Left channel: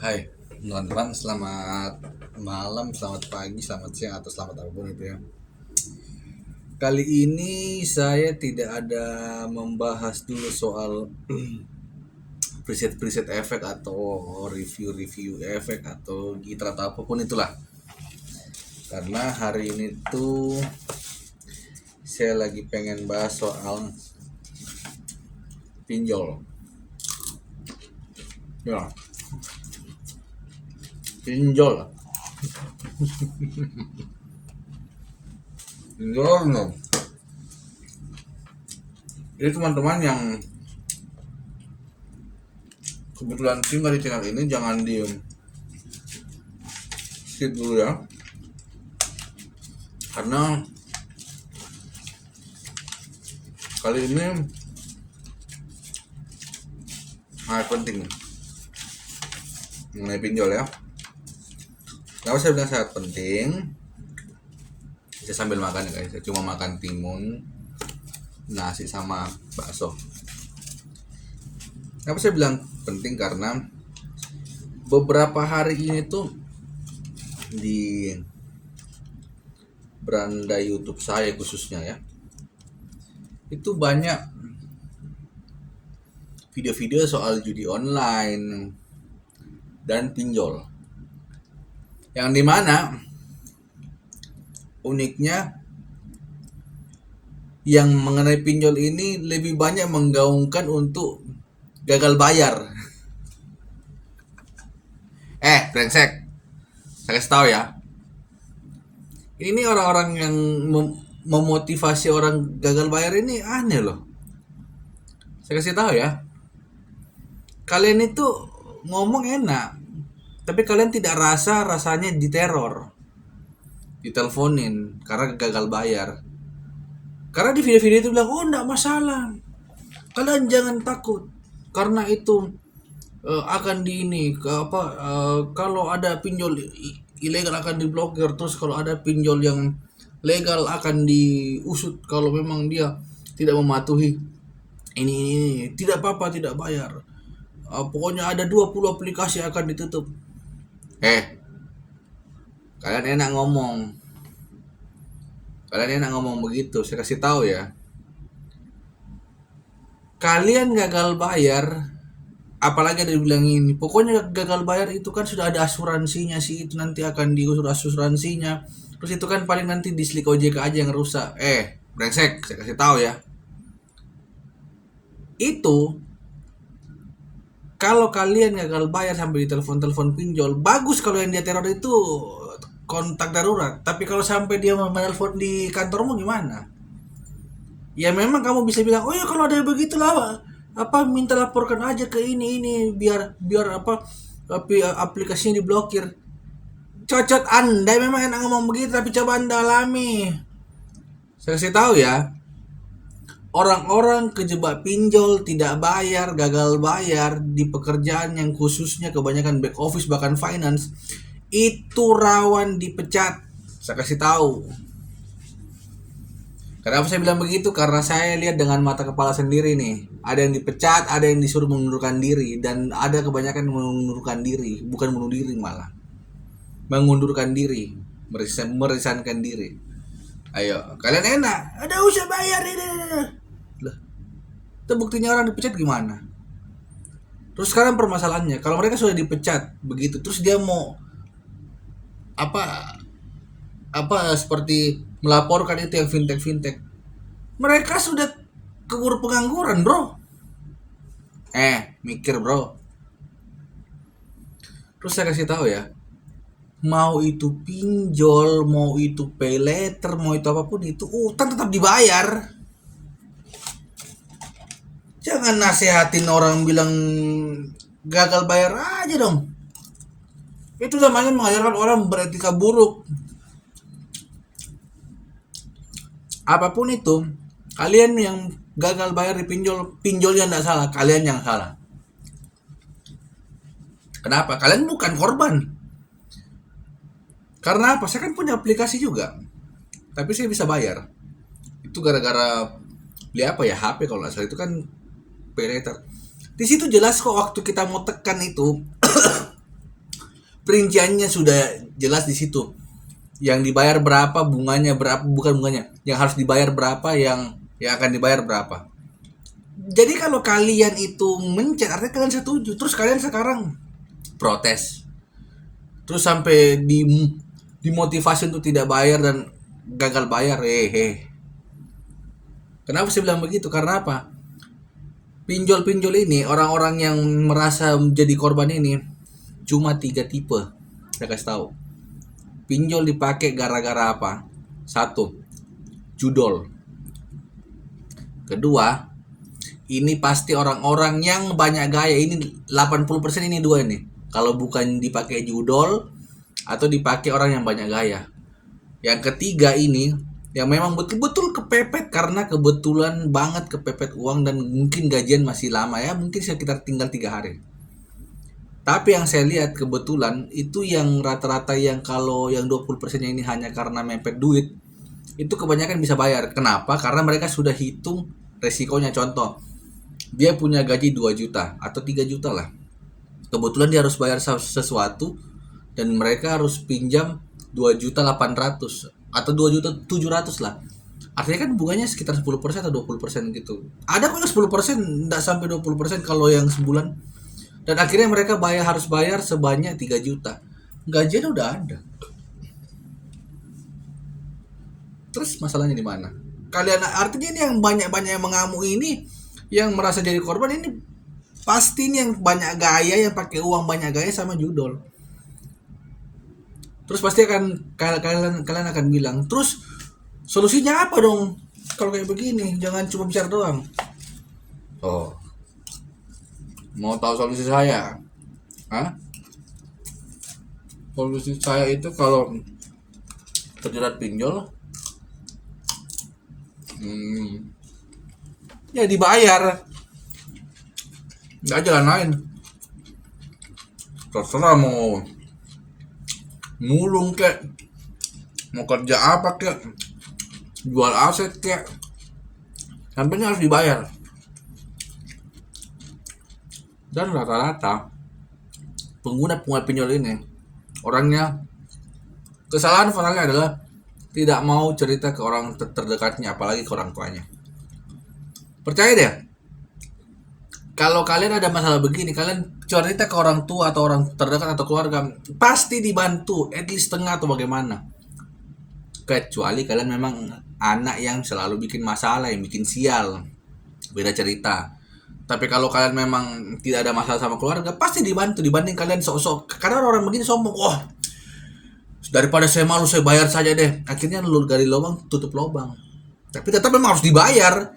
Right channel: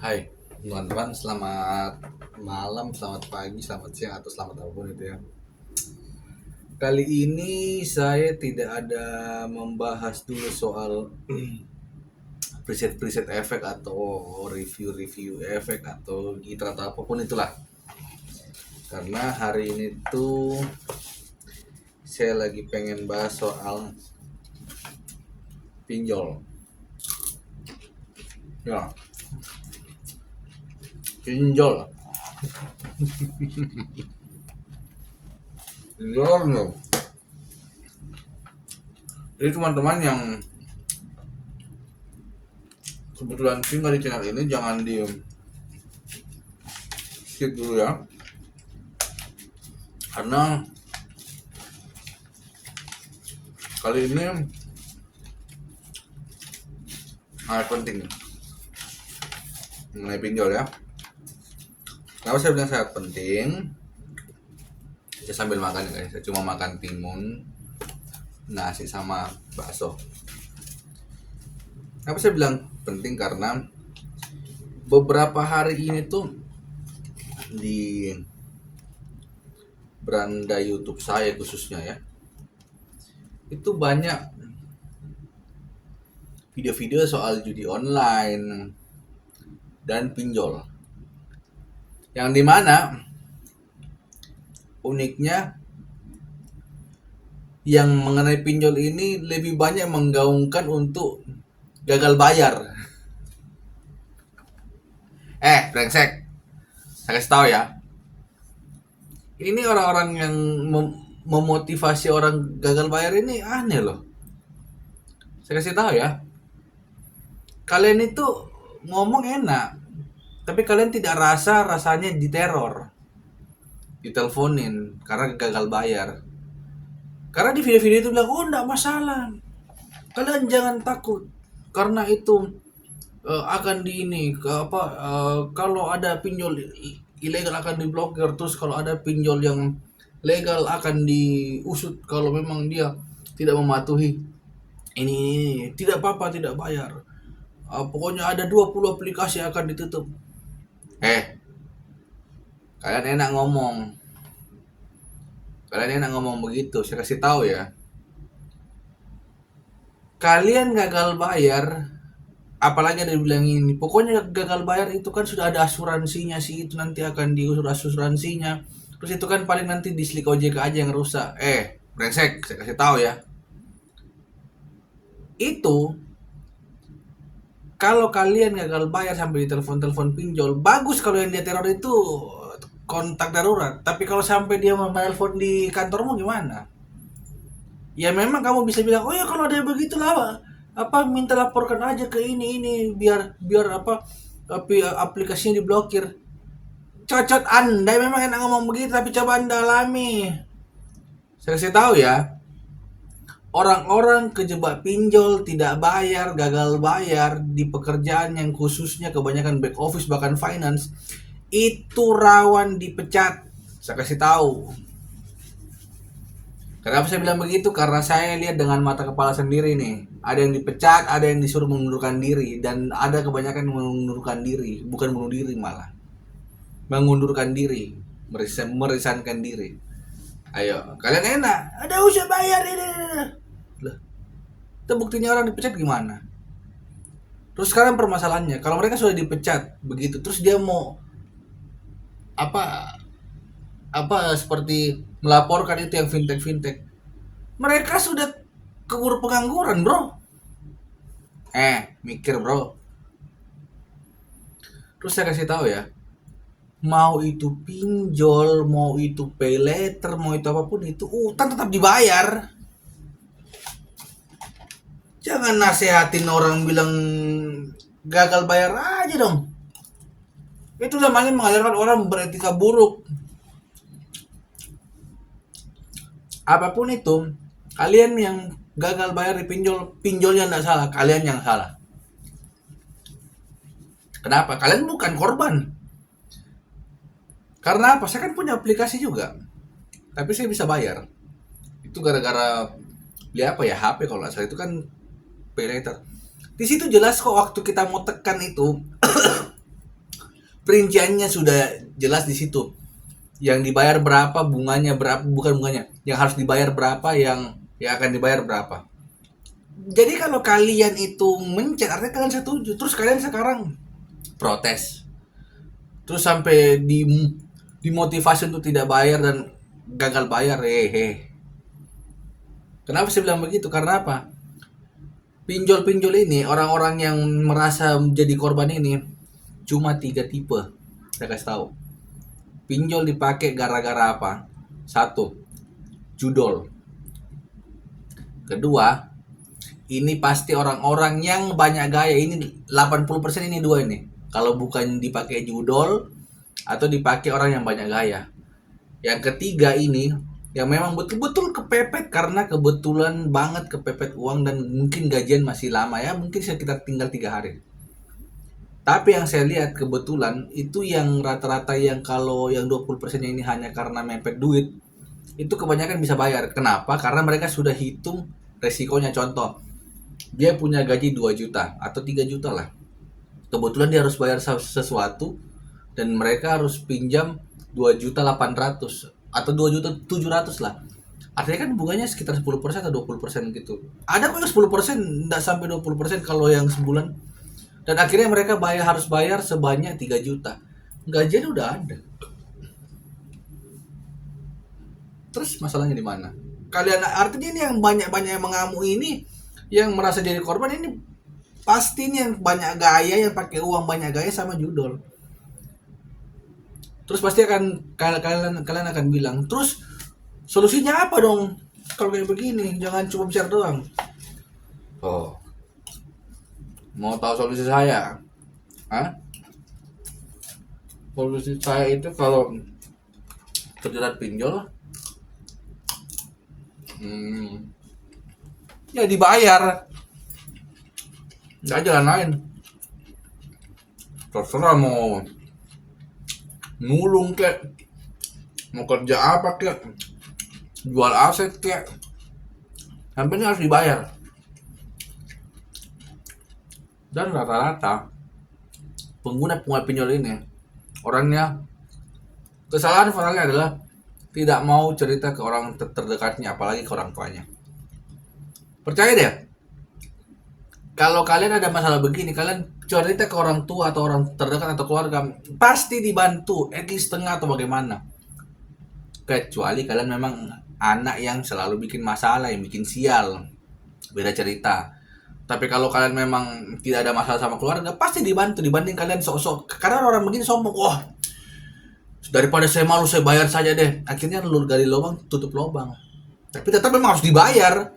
Hai teman-teman, selamat malam, selamat pagi, selamat siang, atau selamat apapun itu ya. Kali ini saya tidak ada membahas dulu soal preset-preset efek atau review-review efek atau gitar atau apapun itulah. Karena hari ini tuh saya lagi pengen bahas soal pinjol. Ya, pinjol. Pinjol loh. Jadi teman-teman yang kebetulan tinggal di channel ini, jangan diem skip dulu ya, karena kali ini hal penting mengenai pinjol ya. Kenapa saya bilang sangat penting? Saya sambil makan ya guys, saya cuma makan timun, nasi sama bakso. Kenapa saya bilang penting? Karena beberapa hari ini tuh di beranda YouTube saya khususnya ya, itu banyak video-video soal judi online dan pinjol, yang dimana uniknya yang mengenai pinjol ini lebih banyak menggaungkan untuk gagal bayar. Brengsek, saya kasih tahu ya, ini orang-orang yang memotivasi orang gagal bayar ini aneh loh. Saya kasih tahu ya, kalian itu ngomong enak, tapi kalian tidak rasanya diteror, diteleponin karena gagal bayar. Karena di video-video itu bilang, oh enggak masalah, kalian jangan takut, karena itu akan di ini kalau ada pinjol ilegal akan diblokir, terus kalau ada pinjol yang legal akan diusut kalau memang dia tidak mematuhi ini tidak apa-apa, tidak bayar. Pokoknya ada 20 aplikasi akan ditutup. Kalian enak ngomong, begitu. Saya kasih tahu ya, kalian gagal bayar, apalagi ada dibilang ini, pokoknya gagal bayar itu kan sudah ada asuransinya sih, itu nanti akan diusur asuransinya, terus itu kan paling nanti dislik OJK aja yang rusak. Brengsek, saya kasih tahu ya, itu kalau kalian gagal bayar sampai ditelepon pinjol, bagus kalau yang dia teror itu kontak darurat. Tapi kalau sampai dia menelpon di kantormu gimana? Ya memang kamu bisa bilang, oh ya kalau ada begitulah minta laporkan aja ke ini biar aplikasinya diblokir. Cocot Anda memang enak ngomong begitu, tapi coba Anda alami. Saya kasih tahu ya, orang-orang kejebak pinjol, tidak bayar, gagal bayar di pekerjaan yang khususnya kebanyakan back office bahkan finance, itu rawan dipecat. Saya kasih tahu. Kenapa saya bilang begitu? Karena saya lihat dengan mata kepala sendiri nih. Ada yang dipecat, ada yang disuruh mengundurkan diri, dan ada kebanyakan yang mengundurkan diri, bukan bunuh diri malah. Mengundurkan diri, merisankan diri. Ayo, kalian enak. Ada usah bayar ini. Loh, itu buktinya orang dipecat gimana? Terus sekarang permasalahannya, kalau mereka sudah dipecat begitu, terus dia mau apa seperti melaporkan itu yang fintech, mereka sudah keburu pengangguran bro. Mikir bro. Terus saya kasih tahu ya, mau itu pinjol, mau itu pay later, mau itu apapun itu, utang tetap dibayar. Jangan nasehatin orang bilang gagal bayar aja dong. Itu namanya mengajarkan orang beretika buruk. Apapun itu, kalian yang gagal bayar di pinjol yang tidak salah, kalian yang salah. Kenapa? Kalian bukan korban. Karena apa? Saya kan punya aplikasi juga, tapi saya bisa bayar. Itu gara-gara beli HP kalau nggak salah, itu kan pay later. Di situ jelas kok waktu kita mau tekan itu Perinciannya sudah jelas di situ. Yang dibayar berapa, bunganya berapa, bukan bunganya, yang harus dibayar berapa, yang akan dibayar berapa. Jadi kalau kalian itu mencet, artinya kalian setuju. Terus kalian sekarang protes. Terus sampai dimotivasi untuk tidak bayar dan gagal bayar. Kenapa saya bilang begitu? Karena apa? Pinjol-pinjol ini, orang-orang yang merasa menjadi korban ini cuma 3 tipe. Saya kasih tahu. Pinjol dipakai gara-gara apa? 1, judol. Kedua, ini pasti orang-orang yang banyak gaya. Ini 80% ini dua ini. Kalau bukan dipakai judol atau dipakai orang yang banyak gaya. Yang ketiga ini yang memang betul-betul kepepet karena kebetulan banget kepepet uang dan mungkin gajian masih lama ya, mungkin sekitar tinggal 3 hari. Tapi yang saya lihat kebetulan itu yang rata-rata yang kalau yang 20% ini hanya karena mepet duit, itu kebanyakan bisa bayar. Kenapa? Karena mereka sudah hitung resikonya. Contoh, dia punya gaji 2 juta atau 3 juta lah. Kebetulan dia harus bayar sesuatu dan mereka harus pinjam 2.800.000 atau 2.700.000 lah. Artinya kan bunganya sekitar 10% atau 20% gitu. Ada kok yang 10%, enggak sampai 20% kalau yang sebulan. Dan akhirnya mereka harus bayar sebanyak 3 juta. Gajian udah ada. Terus masalahnya di mana? Kalian artinya ini yang banyak-banyak yang mengamuk ini, yang merasa jadi korban ini pasti ini yang banyak gaya, yang pakai uang banyak gaya sama judol. Terus pasti akan kalian akan bilang, terus solusinya apa dong kalau kayak begini? Jangan cuma bicara doang. Oh, mau tahu solusi saya? Hah? Solusi saya itu kalau terjerat pinjol, ya dibayar, nggak jalan lain. Terserah mau nulung kek, mau kerja apa kek, jual aset kek, sampai ini harus dibayar. Dan rata-rata pengguna pinjol ini orangnya, kesalahan finalnya adalah tidak mau cerita ke orang terdekatnya, apalagi ke orang tuanya. Percaya deh, kalau kalian ada masalah begini, kalian cerita ke orang tua atau orang terdekat atau keluarga, pasti dibantu, at least setengah atau bagaimana. Kecuali kalian memang anak yang selalu bikin masalah, yang bikin sial, beda cerita. Tapi kalau kalian memang tidak ada masalah sama keluarga, pasti dibantu dibanding kalian sok-sok. Karena orang begini sombong, wah daripada saya malu saya bayar saja deh. Akhirnya lu gali lubang tutup lubang. Tapi tetap memang harus dibayar.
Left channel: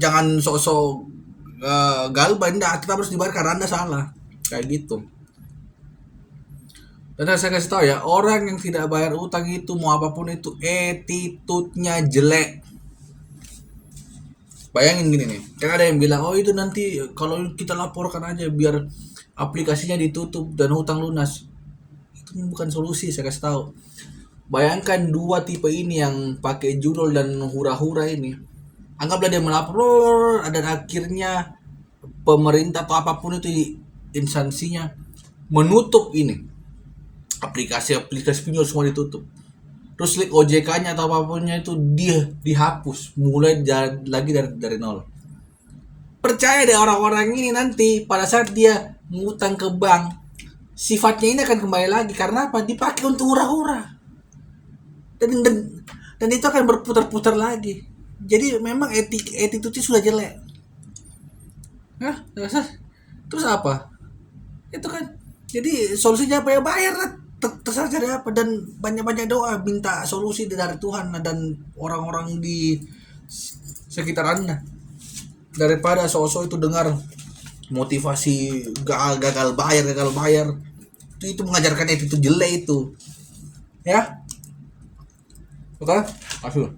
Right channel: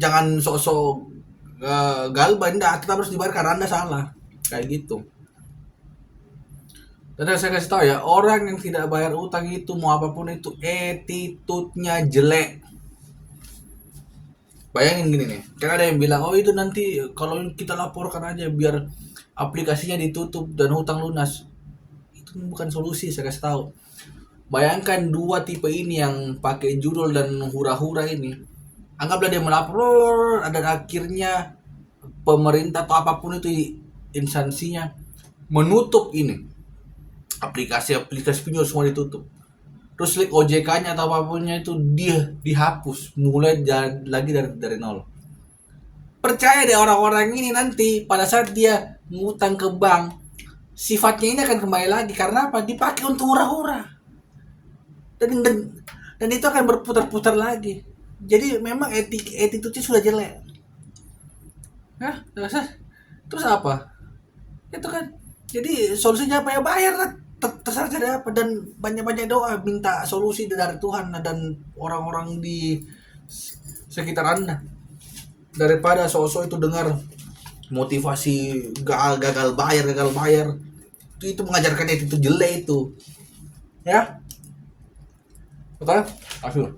Jangan sok-sok galbah, tetap harus dibayar karena Anda salah. Kayak gitu. Dan saya kasih tahu ya, orang yang tidak bayar utang itu mau apapun itu attitude-nya jelek. Bayangin gini nih, kan ada yang bilang, oh itu nanti kalau kita laporkan aja biar aplikasinya ditutup dan hutang lunas. Itu bukan solusi, saya kasih tahu. Bayangkan dua tipe ini yang pakai judul dan hura-hura ini. Anggaplah dia melapor, dan akhirnya pemerintah atau apapun itu instansinya menutup ini. Aplikasi-aplikasi pinjol semua ditutup. Terus link OJK-nya atau apapunnya itu dia dihapus, mulai lagi dari nol. Percaya deh orang-orang ini nanti pada saat dia ngutang ke bank, sifatnya ini akan kembali lagi. Karena apa? Dipakai untuk hura-hura. Dan itu akan berputar-putar lagi. Jadi memang attitude-nya sudah jelek. Hah? Terus apa? Itu kan. Jadi solusinya apa ya? Bayar lah. Terserah cari apa, dan banyak-banyak doa minta solusi dari Tuhan dan orang-orang di sekitar Anda, daripada sok-sok itu dengar motivasi gagal bayar itu mengajarkannya itu jelek itu ya. Oke, asyik.